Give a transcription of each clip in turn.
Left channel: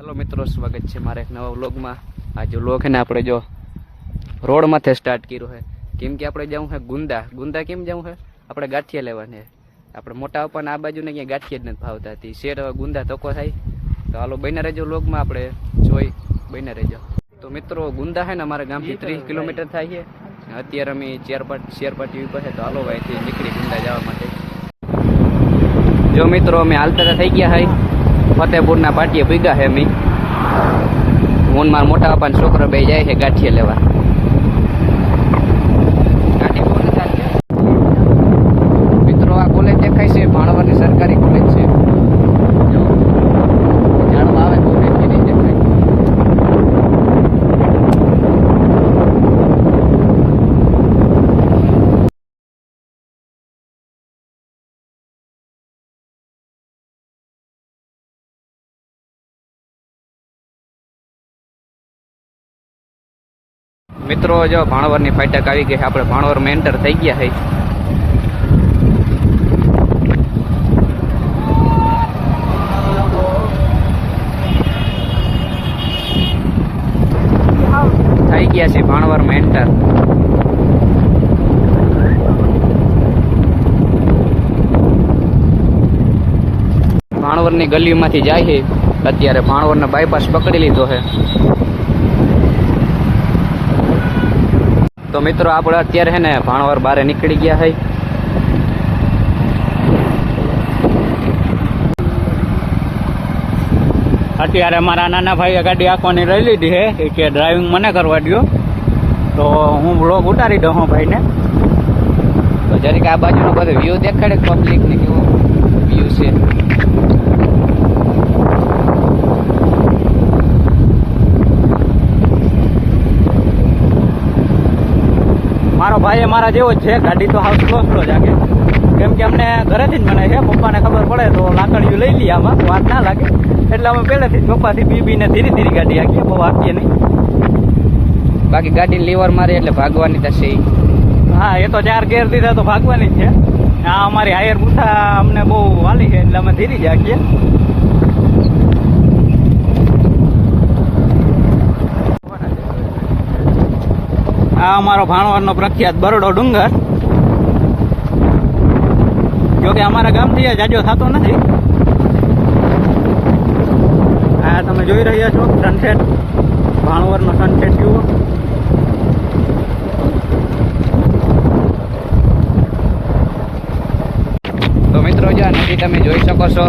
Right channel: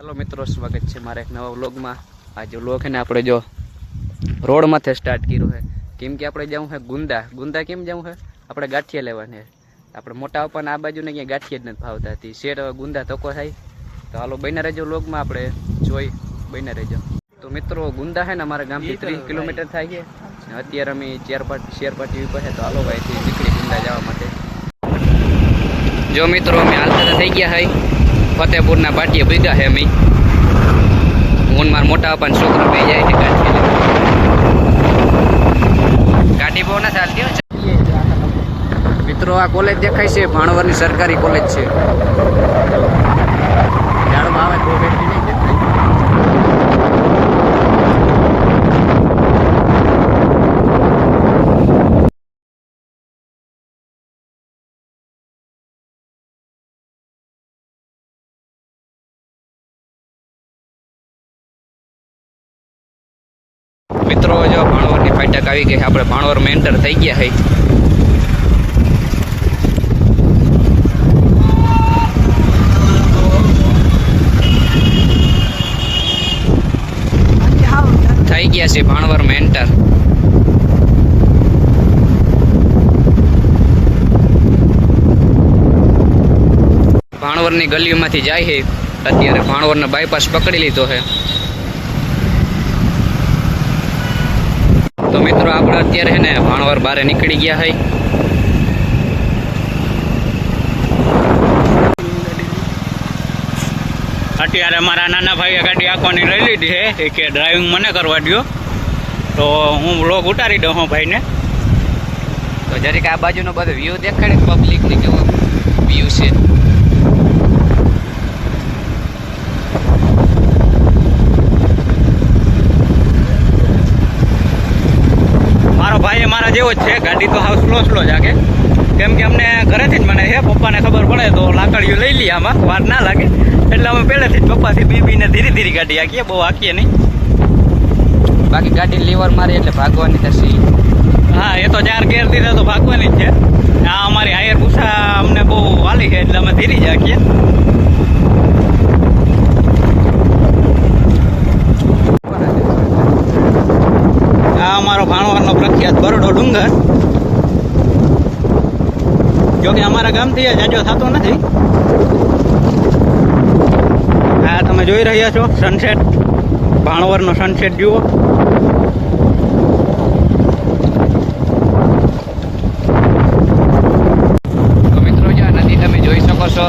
Hello મિત્રો, સ્વાગત છે મારા એક નવા વ્લોગમાં. આ જો વ્લોગ ને આપણે જો રોડમાંથી સ્ટાર્ટ કર્યું છે. કેમ કે આપણે જવું છે ગુંદા. ગુંદા કેમ જવું છે? આપણે ગાંઠિયા લેવાને આપણે મોટા પણ આ બાજુને ક્યાંય ગાંઠિયા જ નથી ભાવતા. હતી શેર હવે ગુંદા તકો થાય. તો હાલો બને રહેજો વ્લોગમાં, આપણે જોઈ બને રહેજો. તો મિત્રો, ગુંદા છે ને અમારા ગામથી ત્રીસ કિલોમીટર થાય છે. અત્યારે અમે ચેરપાટ શેરપાટી ઉપર છે. તો હાલો ભાઈથી નીકળી ગુંદા જવા માટે. જો મિત્રો, અમે હાલતા થઈ ગયા હોય ફતેપુરના પાટીએ ભીગા હે મી હું ને મારા મોટા બાપાના છોકરો બે જાય છે ગાંઠી લેવા. ગાંઠી બહુ નથી ચાલતી મિત્રો, આ કોલેજ દેખાય છે ભાણવરની સરકારી કોલેજ છે. ઝાડમાં આવે તો બેઠી નહીં દેખાય મિત્રો, જો ભાણવરની ફાટક આવી ગઈ. આપણે ભાણવરમાં એન્ટર થઈ ગયા હઈ થઈ ગયા છે ભાણવરમાં એન્ટર ભાણવરની ગલીમાંથી જાય છે. અત્યારે ભાણવરનો બાયપાસ પકડી લીધો છે. તો મિત્રો આપણે અત્યારે છે ને ભાણવર બારે નીકળી ગયા હોય અત્યારે મારા નાના ભાઈએ ગાડી આંખવાની રહી લીધી છે એ કે ડ્રાઇવિંગ મને કરવા દો તો હું બ્લોગ ઉતારી દઉં હું ભાઈને. તો જરીક આ બાજુનો બધો વ્યૂ દેખાડે પબ્લિક ને કેવો વ્યૂ છે મારો ભાઈ એ મારા જેવો જ છે ગાડી તો હાઉસ સ્લો સ્લો જ આગે. કેમ કે અમને ઘરેથી જ મને છે પપ્પાને ખબર પડે તો લાકડીયું લઈ લઈએ આમાં વાર ના લાગે. એટલે અમે પહેલેથી જ પપ્પાથી બી બીને ધીરે ધીરે ગાડી આંકીએ બહુ આંકીએ નહીં. બાકી ગાડી લીવર મારે એટલે ભાગવાની થશે. હા એ તો ચાર ગેર દીધા તો ભાગવાની જ છે. આ અમારી હાયર પૂછા અમને બહુ વાલી છે એટલે અમે ધીરી જ આંકીએ આ અમારો ભાણવારનો પ્રખ્યાત બરડો ડુંગર. જોકે અમારા ગામથી જાજો થતો નથી. આ તમે જોઈ રહ્યા છો સનસેટ ભાણવરનો સનસેટ જુઓ. તો મિત્રો નદી તમે જોઈ શકો છો,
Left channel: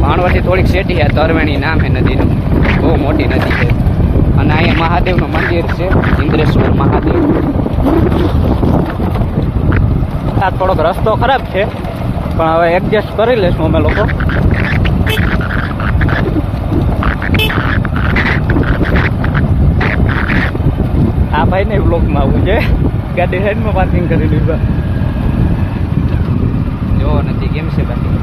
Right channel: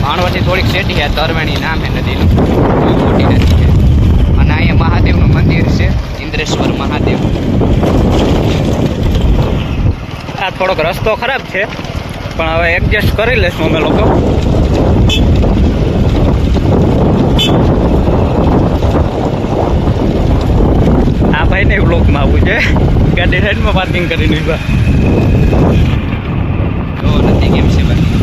ભાણવરથી થોડીક સેટી આ તરવેણી નામ છે નદીનું બહુ મોટી નદી છે અને અહીંયા મહાદેવનું મંદિર છે ઇન્દ્રેશ્વર મહાદેવ આ થોડોક રસ્તો ખરાબ છે, પણ હવે એડજસ્ટ કરી લઈશું અમે લોકો. આ ભાઈને બ્લોકમાં આવવું છે. ગાડી સાઈડમાં પાર્કિંગ કરીને ઊભા જો, નથી કેમ છે બાકી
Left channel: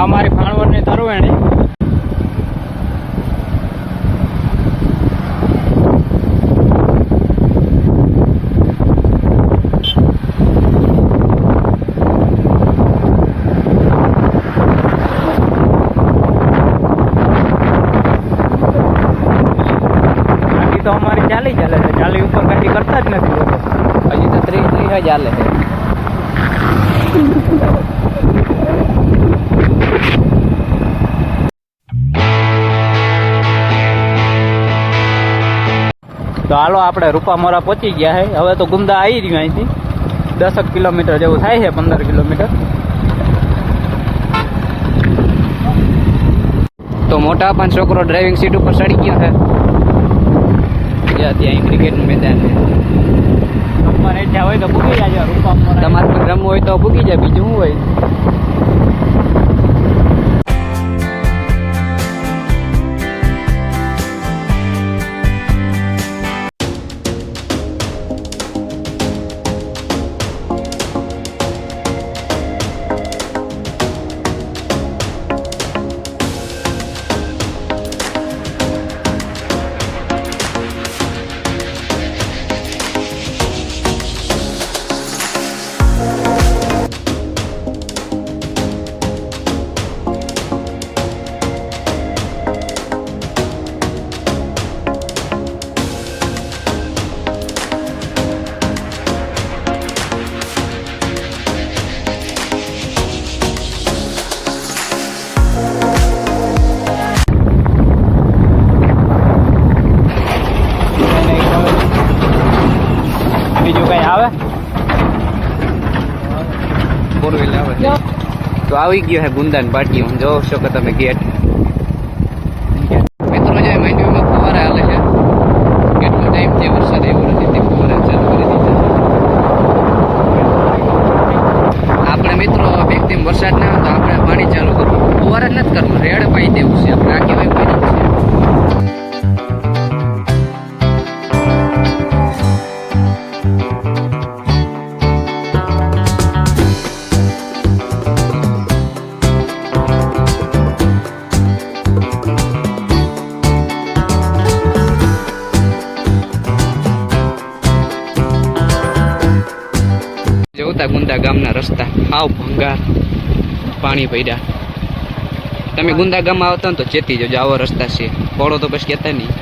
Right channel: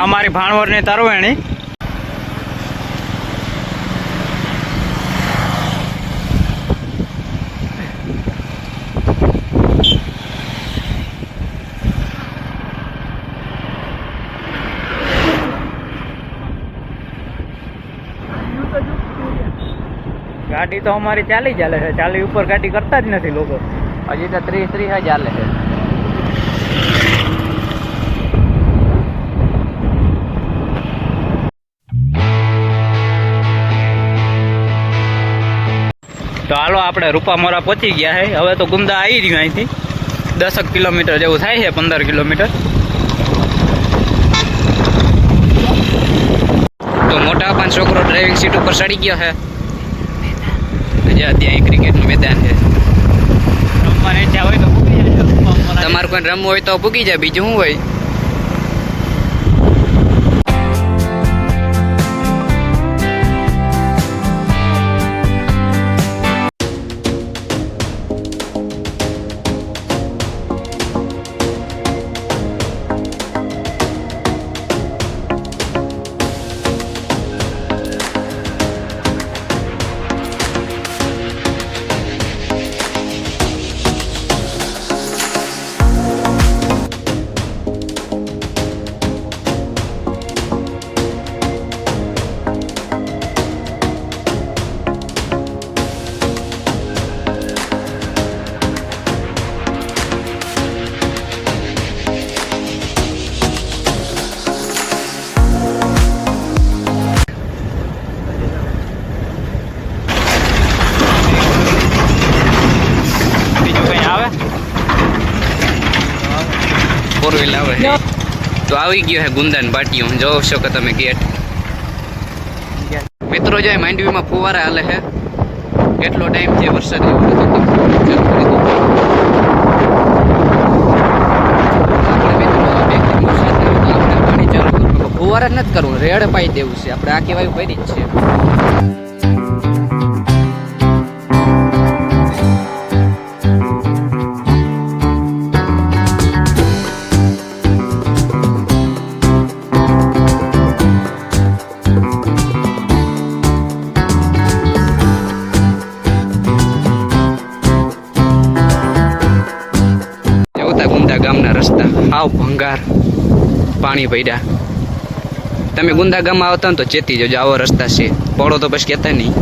આ અમારી ભાણવરની તરવેણી. ગાડી તો અમારી ચાલી ચાલે છે. ચાલી ઉપર ગાડી કરતા જ નથી લોકો. હજી તો ત્રીસ ત્રીસ જ ચાલે છે. તો હાલો આપણે રૂપામોરા પહોંચી ગયા છે હવે તો ગુંદા આવી રહ્યું અહીંથી. દસક કિલોમીટર જેવું થાય છે પંદર કિલોમીટર. તો મોટા પાંચ છોકરો ડ્રાઇવિંગ સીટ ઉપર ચડી ગયા છે બીજા ત્યાં ક્રિકેટનું મેદાન છે. તમારે કોઈ રમવું હોય તો ભૂકી જાય બીજું શું હોય? ફોર વ્હીલ આવે છે. તો આવી ગયો હે ગુંદાન પાટિયું જોવો શકો તમે ગેટ? મિત્રો, જો માંડવીમાં ફુવારા હાલે છે, કેટલો ટાઈમ છે વરસાદ એવું નથી આપણે મિત્રો, બે ત્રણ વરસાદ ના આવે તો આપણે પાણી ચાલુ કરવું. ફુવારા નથી કરવું, રેડ પાઈ દેવું છે. આપણે આ કહેવાય કરી જ છે. ગુંદા ગામના રસ્તા. હાવ ભંગાર. પાણી પડ્યા. તમે ગુંદા ગામમાં આવતા ને તો ચેતી જજો આવો રસ્તા છે. પડો તો પછી કહેતા નહીં.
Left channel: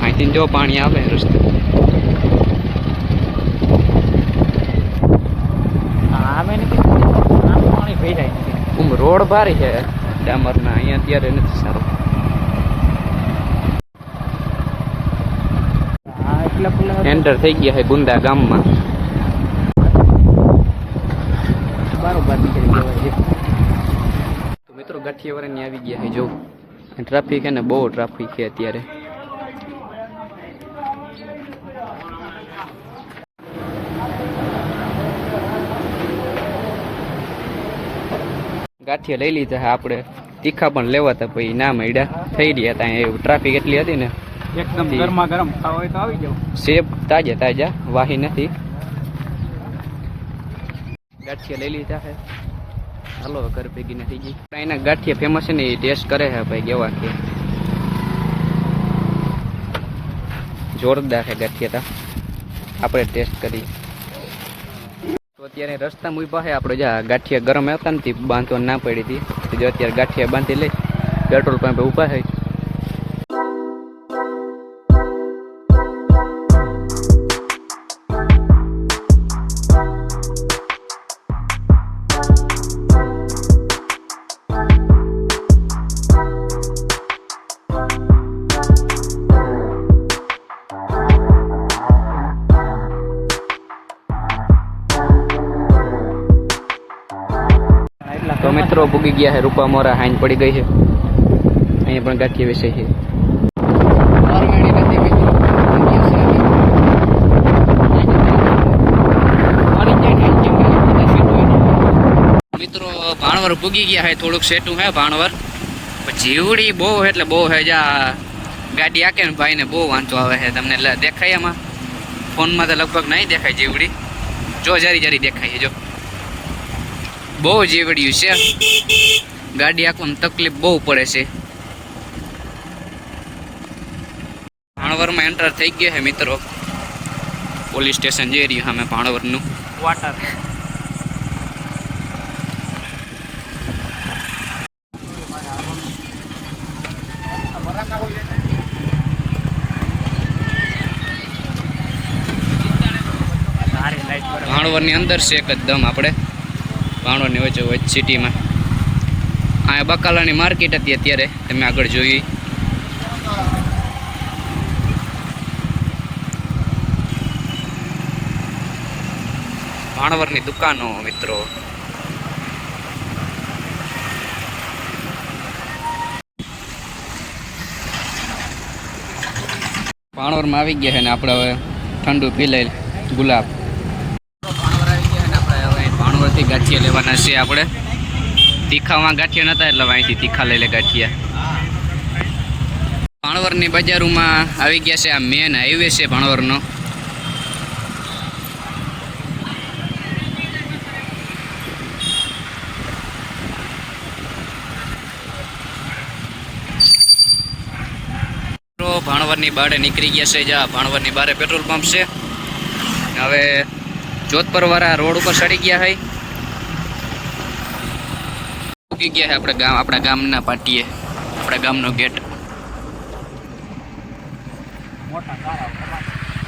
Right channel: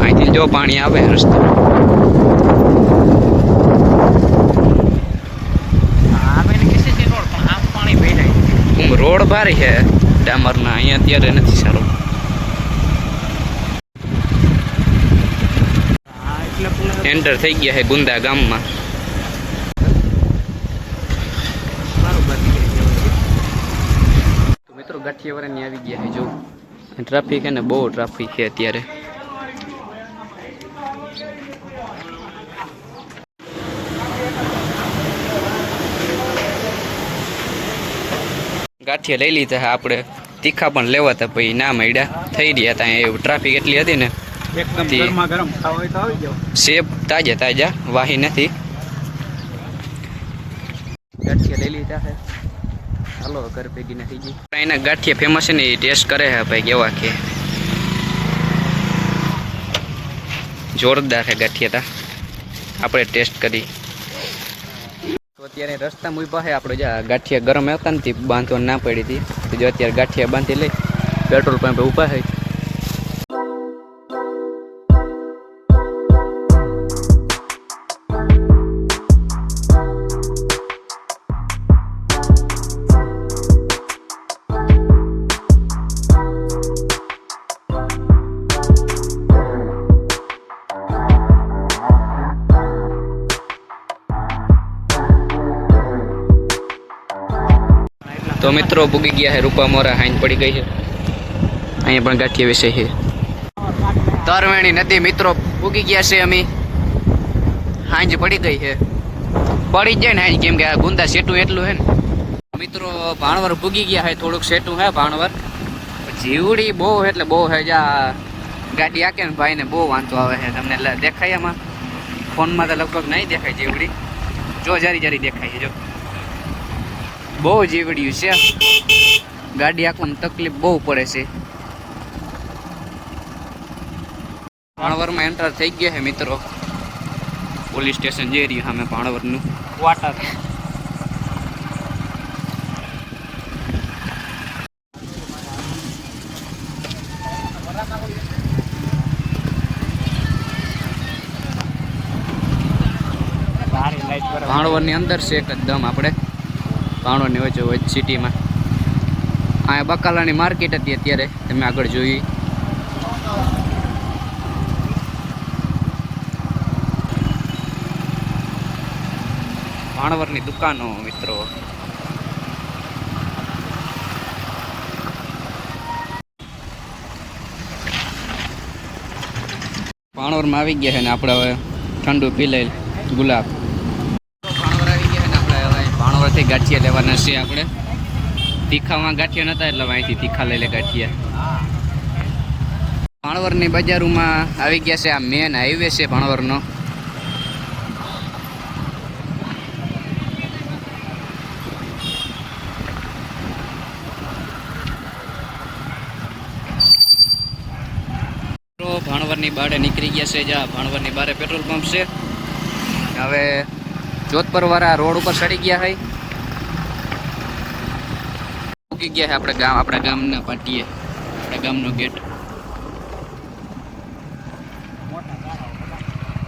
અહીંથી જો પાણી આવે રસ્તા. રોડ ભારી છે ડામરના અહીંયા અત્યારે નથી સારો. એન્ટર થઈ ગયા છે ગુંદા ગામમાં બરોબર નીકળી ગયો ગાંઠિયાવાળાની આવી ગયા છે. જો ટ્રાફિક એને ને બહુ ટ્રાફિક છે અત્યારે. ગાંઠિયા લઈ લીધા હા આપણે. તીખા પણ લેવા હતા પછી ના મળ્યા. થઈ રહ્યા હતા એવું. ટ્રાફિક એટલી હતી ને. સેબ તાજા તાજા વાહી નથી. ગાંઠિયા લઈ લીધા છે. હાલો ઘર ભેગી નથી ગઈ. એના ગાંઠિયા ફેમસ છે ને, એ ટેસ્ટ કરે છે ભાઈ, કેવા કે. જોરદાર છે ગાંઠિયા તા. આપણે ટેસ્ટ કરી. અત્યારે રસ્તા ઊભા છે આપણે જ્યાં ગાંઠિયા ગરમ હતા ને, તે બાંધવા ના પડી હતી. જો અત્યારે ગાંઠિયા બાંધી લઈ, પેટ્રોલ પંપે ઊભા છે. તો મિત્રો પૂગી ગયા છે રૂપા મોરા હાઈન પડી ગઈ છે અહીંયા પણ ગાંઠિયા વિશે છે તરવેણી નદી મિત્રો પૂગી ગયા છે અમે. હાંજ પડી ગઈ છે પડી જાય ને હાંજ કેમ કે ગુંદા સેટું એટલું હે ને. મિત્રો, ભાણવર પૂગી ગયા છે થોડુંક સેટું હે ભાણવર. જીવડી બહુ એટલે બહુ હે, જા, ગાડી આકે ને ભાઈને બહુ વાંચો આવે છે તમને દેખાય એમાં ફોનમાં તો લગભગ નહીં દેખાય જીવડી. જો, જારી જારી દેખાય છે જો. બહુ જીવડ્યું છે. ગાડી આંકવામાં તકલીફ બહુ પડે છે. ભાણવરમાં એન્ટર થઈ ગયા છે મિત્રો. પોલીસ સ્ટેશન જઈ રહ્યું સામે ભાણવરનું. વાટર ભાણવરની અંદર છે એકદમ આપણે. ભાણવરની વચ્ચે હોય સિટીમાં. અહીંયા બકાલાની માર્કેટ હતી અત્યારે, તમે આગળ જોઈ ભાણવરની દુકાનો, મિત્રો. ભાણવરમાં આવી ગયા છે ને આપણે હવે ઠંડુ પી લઈ ગુલાબ ભાણવર આવી ગયા છે ને આપણે હવે ભાણવરથી ગાંઠિયા લેવાના છે આપણે. તીખામાં ગાંઠિયા નતા એટલે અહીંથી તીખા લઈ લે ગાંઠિયા. ભાણવરની બજારોમાં આવી ગયા છે આ મેન હાઈવે છે ભાણવરનો. ભાણવરની બારે નીકળી ગયા છે, જ્યાં ભાણવરની બારે પેટ્રોલ પંપ છે. હવે જોધપર વાળા રોડ ઉપર ચડી ગયા હોય ઉગી ગયા છે આપણા ગામ, આપણા ગામના પાટીએ. આપણા ગામનો ગેટ.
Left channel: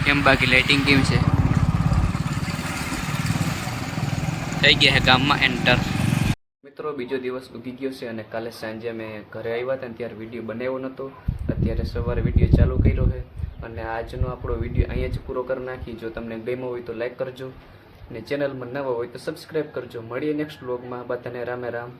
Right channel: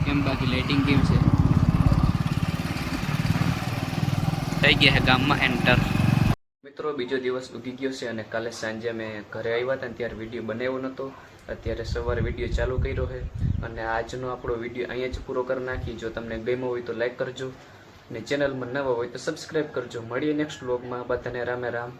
કેમ બાકી લાઇટિંગ કેમ છે? થઈ ગયા છે ગામમાં એન્ટર મિત્રો, બીજો દિવસ ઉગી ગયો છે અને કાલે સાંજે અમે ઘરે આવ્યા હતા ત્યારે વીડિયો બનાવ્યો નહોતો અત્યારે સવારે વીડિયો ચાલુ કર્યો છે અને આજનો આપણો વીડિયો અહીંયા જ પૂરો કરી નાખી જો તમને ગમ્યો હોય તો લાઈક કરજો અને ચેનલમાં નવા હોય તો સબસ્ક્રાઈબ કરજો. મળીએ નેક્સ્ટ વ્લોગમાં બધાને રામે રામ.